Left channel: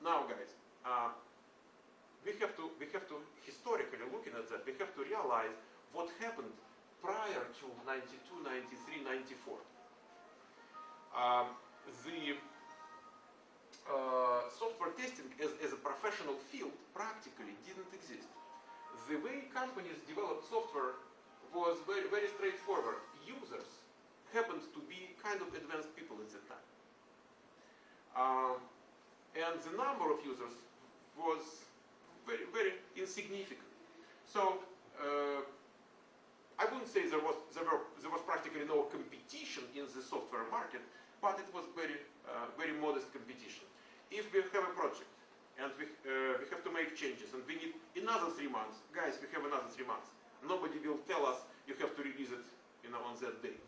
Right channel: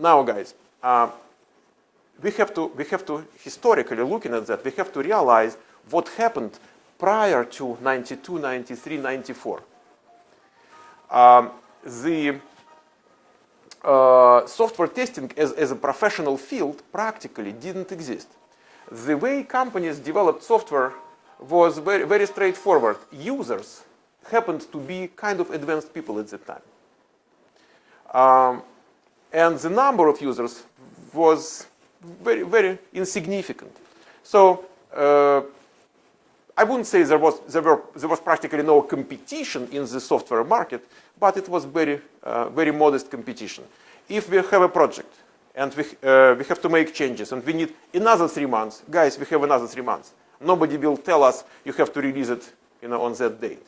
Now, guys, we have to historically looking at that. We have to realize what happened prior to 92, 93, 94. The software testing as a professional field practically didn't exist. The way companies developed software was very, very straightforward. Users happened to be kind of advanced people at that time. And the number of users was very, very insignificant. So I wouldn't say there was practically no competition in the software market, but it was very, very modest competition. If we have a project and we have to make changes and we need another 3 months, guys, we have another 3 months. Nobody will tell us you have to release it, on that date.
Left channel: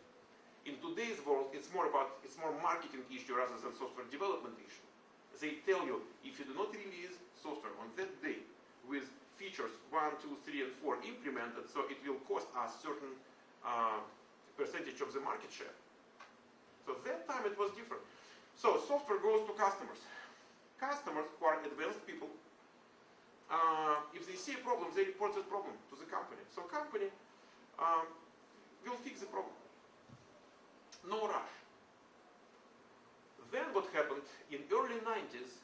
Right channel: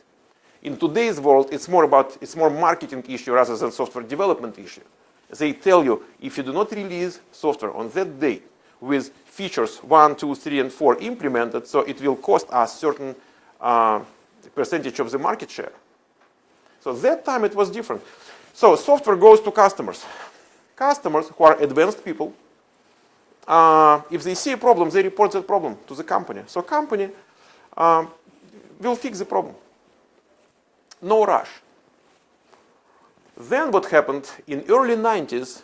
In today's world, it's more marketing issue rather than software development issue. They tell you if you do not release software on that date with features 1, 2, 3, and 4 implemented, so it will cost us certain percentage of the market share. So that time it was different. So software goes to customers. Customers who are advanced people, if they see a problem, they report that problem to the company. So company will fix the problem. No rush. Then what happened in early 90s,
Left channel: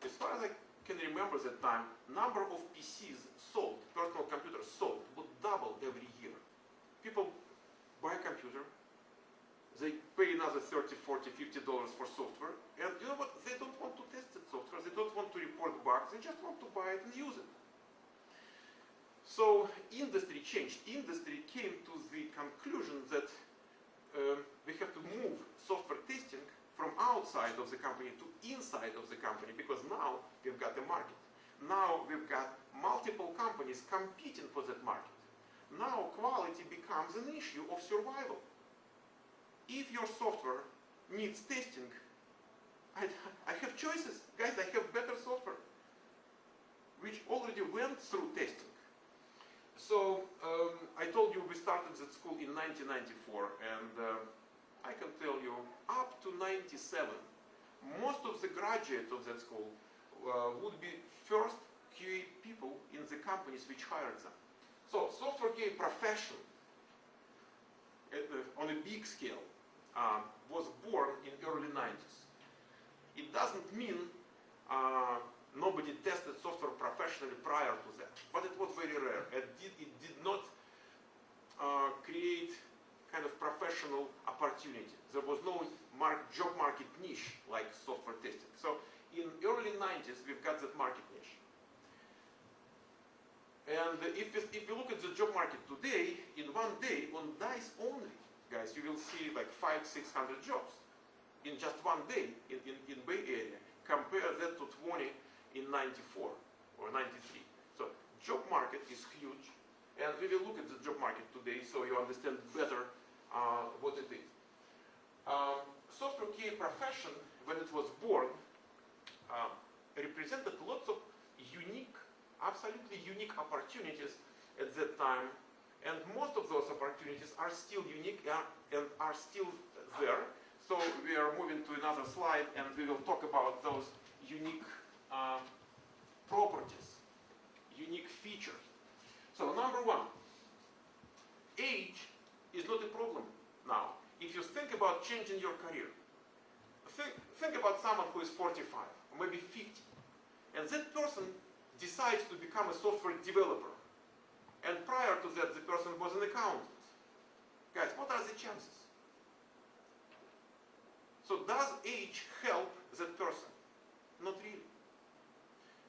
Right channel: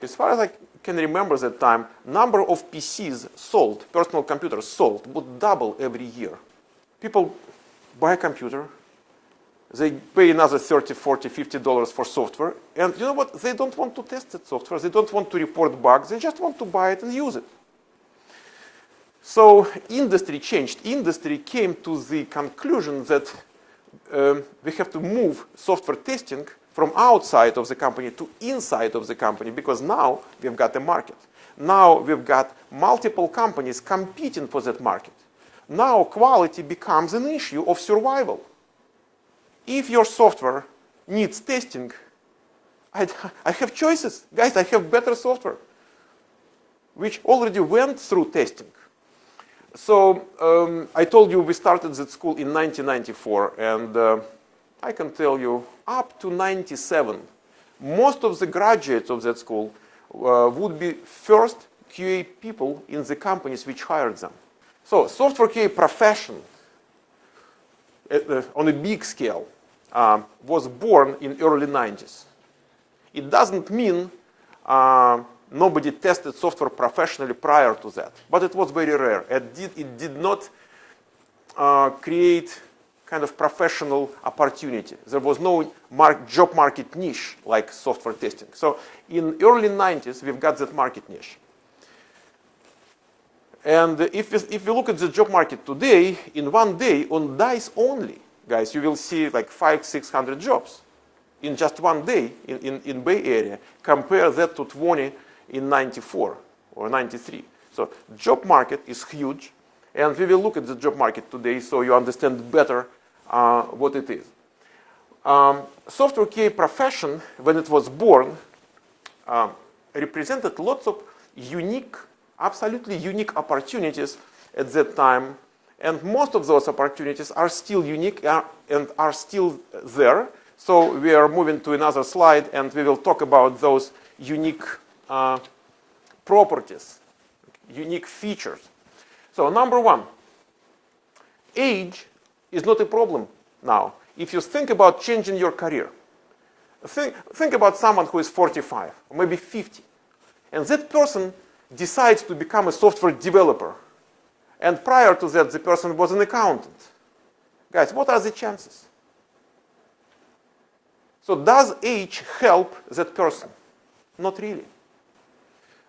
as far as I can remember that time, number of PCs sold, personal computers sold, would double every year. People buy a computer, they pay another $30, $40, $50 for software, and you know what? They don't want to test that software, they don't want to report bugs, they just want to buy it and use it. So industry changed. Industry came to the conclusion that we have to move software testing from outside of the company to inside of the company, because now we've got a market. Now we've got multiple companies competing for that market. Now quality becomes an issue of survival. If your software needs testing, I have choices. Guys, I have better software, which already went through testing. So I told you we started that school in 1994, and I can tell you up to 97, most of the graduates of that school would be first QA people in the companies which hired them. So software QA profession on a big scale was born in early 90s. It doesn't mean nobody tested software professionally prior to that, but it was very rare. It did not create kind of professional opportunity. There was no job market niche like software testing. So in early 90s, we've got that market niche. And if we look at the job market today, in one day, on DICE only, guys, you will see like 500-600 jobs in just one day in Bay Area. Compare that to 20 in 94 or 93. So job market is huge, and we will look at the job market today so you understand better what it is. Software QA profession, when it was born, represented lots of unique, absolutely unique opportunities at that time, and most of those opportunities are still unique and are still there. So we are moving to another slide, and we will talk about those unique properties, unique features. So number one, age is not a problem now. If you think about changing your career, think about someone who is 45 or maybe 50, and that person decides to become a software developer, and prior to that the person was an accountant. Guys, what are the chances? So does age help that person? Not really.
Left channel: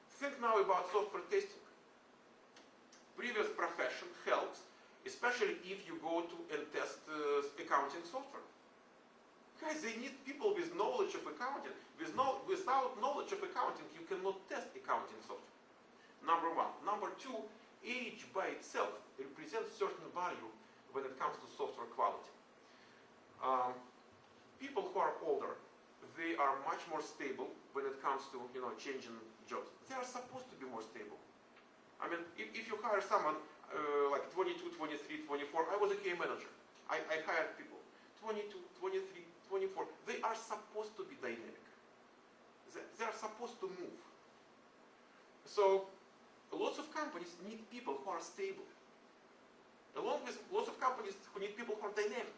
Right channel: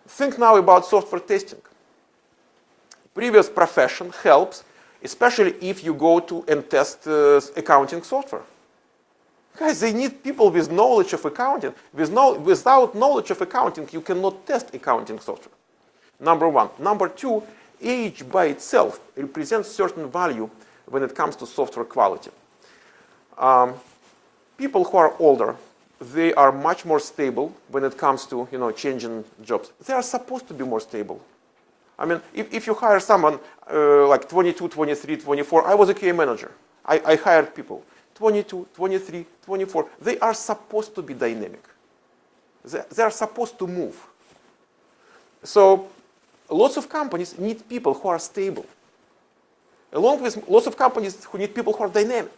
Think now about software testing. Previous profession helps, especially if you go to and test accounting software. Guys, they need people with knowledge of accounting. Without knowledge of accounting, you cannot test accounting software. Number one. Number two, age by itself represents certain value when it comes to software quality. People who are older, they are much more stable when it comes to changing jobs. They are supposed to be more stable. I mean, if you hire someone like 22, 23, 24, I was a QA manager. I hired people. 22, 23, 24, they are supposed to be dynamic. They're supposed to move. So lots of companies need people who are stable, along with lots of companies who need people who are dynamic.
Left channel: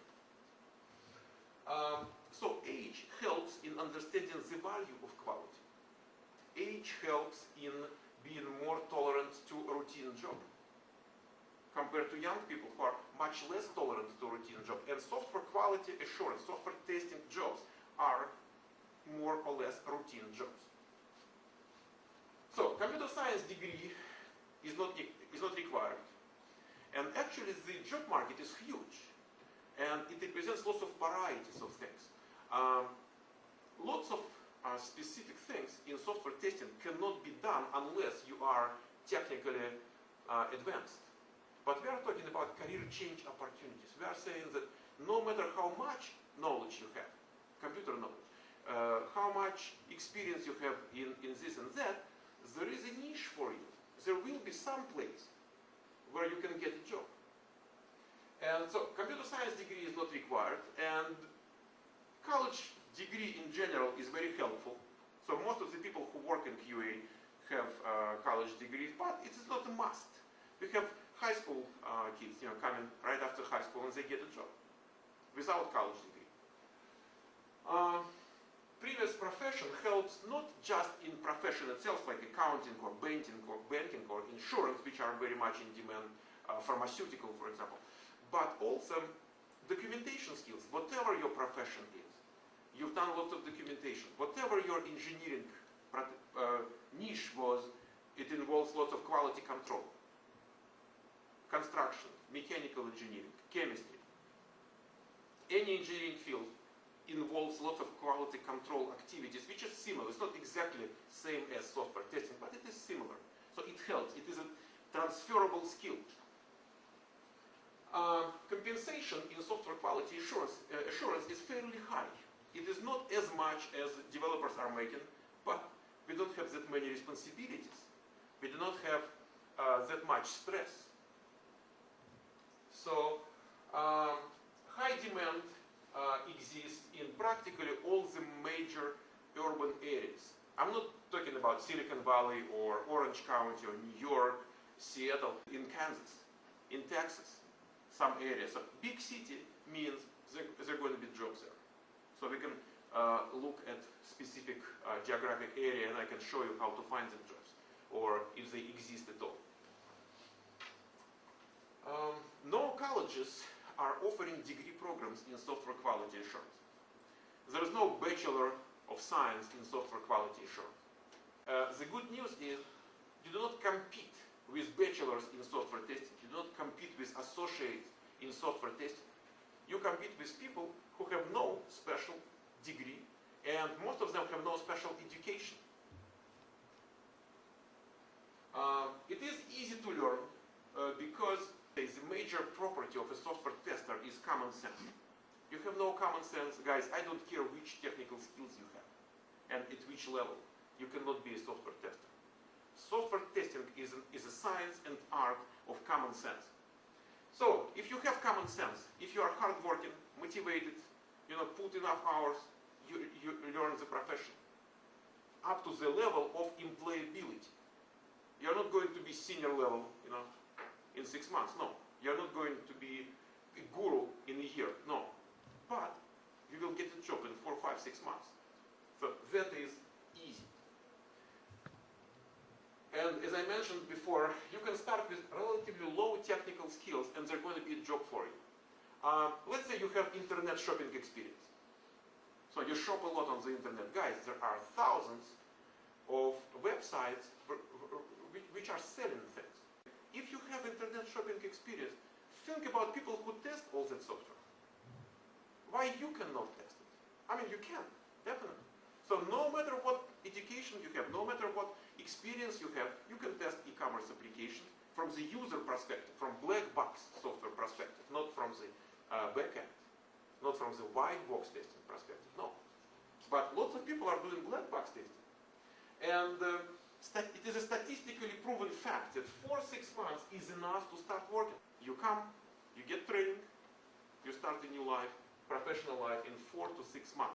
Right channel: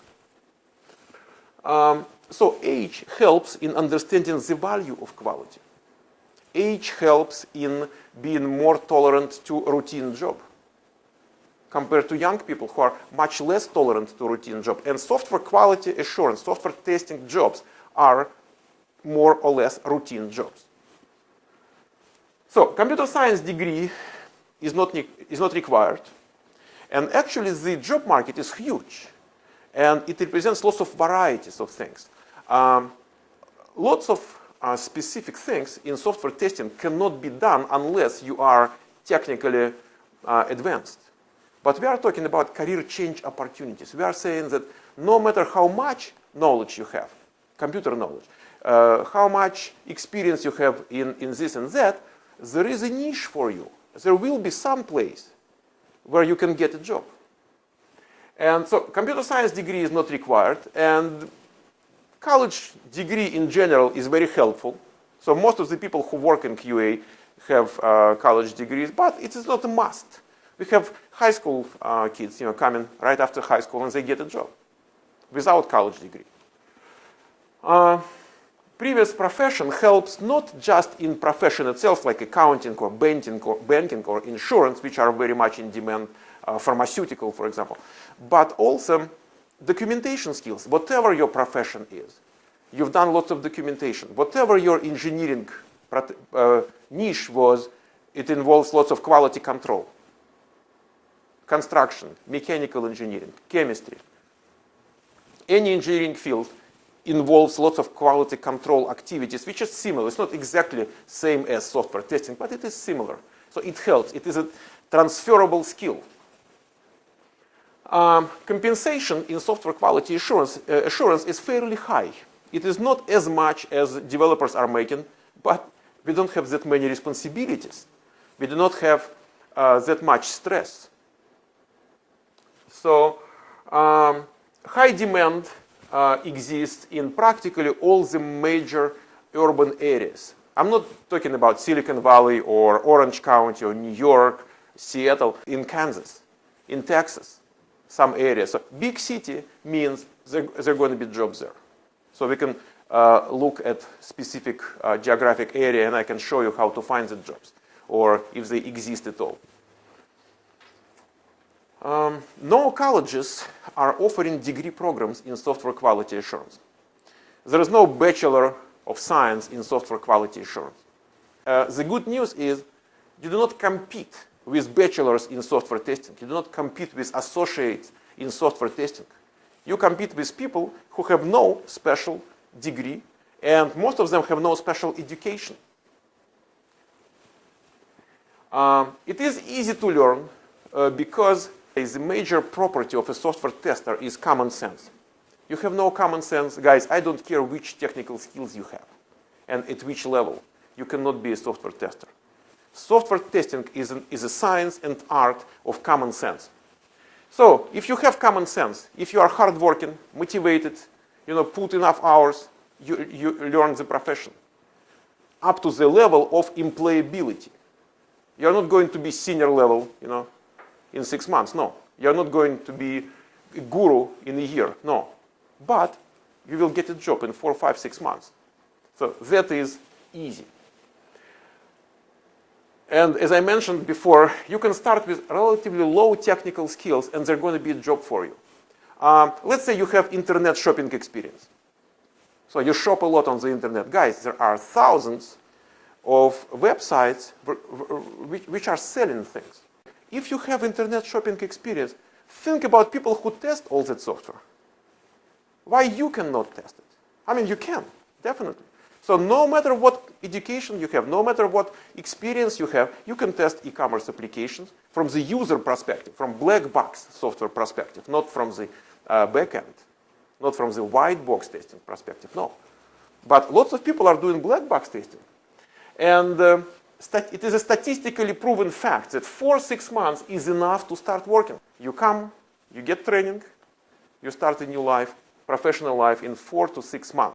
So age helps in understanding the value of quality. Age helps in being more tolerant to routine job compared to young people who are much less tolerant to routine job. And software quality assurance, software testing jobs are more or less routine jobs. So computer science degree is not required. And actually the job market is huge. And it represents lots of varieties of things. Lots of specific things in software testing cannot be done unless you are technically advanced. But we are talking about career change opportunities. We are saying that no matter how much knowledge you have, computer knowledge, how much experience you have in this and that, there is a niche for you. There will be some place where you can get a job. And so computer science degree is not required, and college degree in general is very helpful. So most of the people who work in QA have college degrees, but it is not a must. We have high school kids, coming right after high school and they get a job without college degree. Previous profession helps not just in profession itself, like accounting or banking or insurance, which are very much in demand, pharmaceutical, for example, but also documentation skills. Whatever your profession is, you've done lots of documentation. Whatever your engineering niche was, it involves lots of quality control. Construction, mechanical engineering, chemistry. Any engineering field involves lots of quality control activities, which is similar. It's not exactly same as software testing, but it is similar. So it helps. It is a transferable skill. Compensation in software quality assurance is fairly high. It is not as much as developers are making, but we don't have that many responsibilities. We do not have that much stress. So high demand exists in practically all the major urban areas. I'm not talking about Silicon Valley or Orange County or New York, Seattle, in Kansas, in Texas, some areas. So big city means there are going to be jobs there. So we can look at specific geographic area and I can show you how to find the jobs or if they exist at all. No colleges are offering degree programs in software quality assurance. There is no Bachelor of Science in software quality assurance. The good news is you do not compete with bachelors in software testing. You do not compete with associates in software testing. You compete with people who have no special degree, and most of them have no special education. It is easy to learn because the major property of a software tester is common sense. You have no common sense, guys, I don't care which technical skills you have and at which level. You cannot be a software tester. Software testing is a science and art of common sense. So if you have common sense, if you are hardworking, motivated, put enough hours, you learn the profession up to the level of employability. You're not going to be senior level, in 6 months, no. You're not going to be a guru in a year, no. But you will get a job in 4, 5, 6 months. So that is easy. And as I mentioned before, you can start with relatively low technical skills and there's going to be a job for you. Let's say you have internet shopping experience. So you shop a lot on the internet. Guys, there are thousands of websites which are selling things. If you have internet shopping experience, think about people who test all that software. Why you cannot test it? I mean, you can, definitely. So no matter what education you have, no matter what experience you have, you can test e-commerce applications from the user perspective, from black box software perspective, not from the backend, not from the white box testing perspective, no. But lots of people are doing black box testing. And it is a statistically proven fact that 4 to 6 months is enough to start working. You come, you get training, you start a new life, professional life in 4 to 6 months.